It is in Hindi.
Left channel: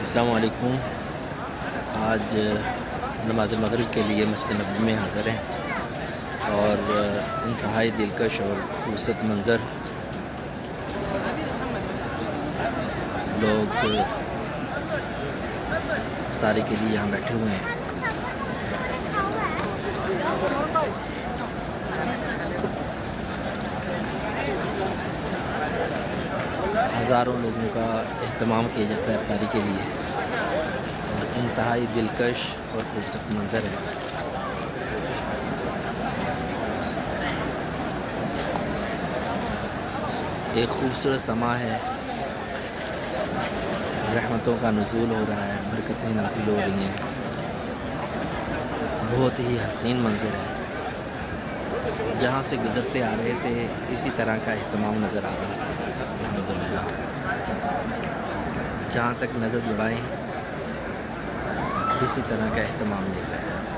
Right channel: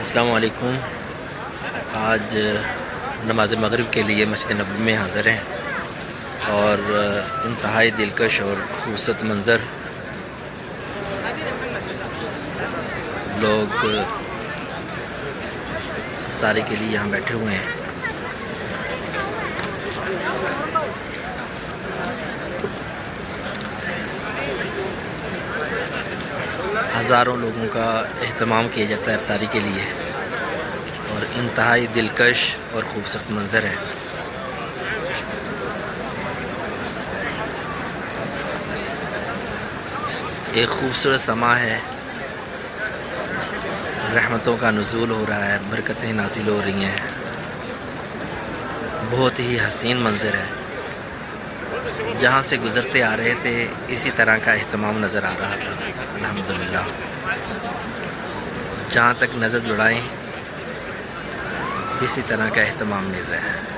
अस्सलामु अलैकुम। आज नमाज मगरिब के लिए मस्जिद नबवी में हाज़िर हैं और इंतहाई दिलकश और खूबसूरत मंज़र। लोग इफ्तारी के लिए यहाँ बैठे हुए हैं। हज़ारों लोगों का एहतमाम किया जाता है इफ्तारी के लिए और इंतहाई दिलकश और ख़ूबसूरत मंज़र है। एक ख़ूबसूरत समा है, रहमतों का नुज़ूल हो रहा है, बरकतें नाज़िल हो रही हैं। बहुत ही हसीन मंज़र है। जहाँ से गुज़रते आ रहे थे इसी तरह का एहतमाम नज़र आ रहा था। अल्हम्दुलिल्लाह, जहाँ तक नज़र दौड़ाएं इसी तरह का एहतमाम मिल रहा है।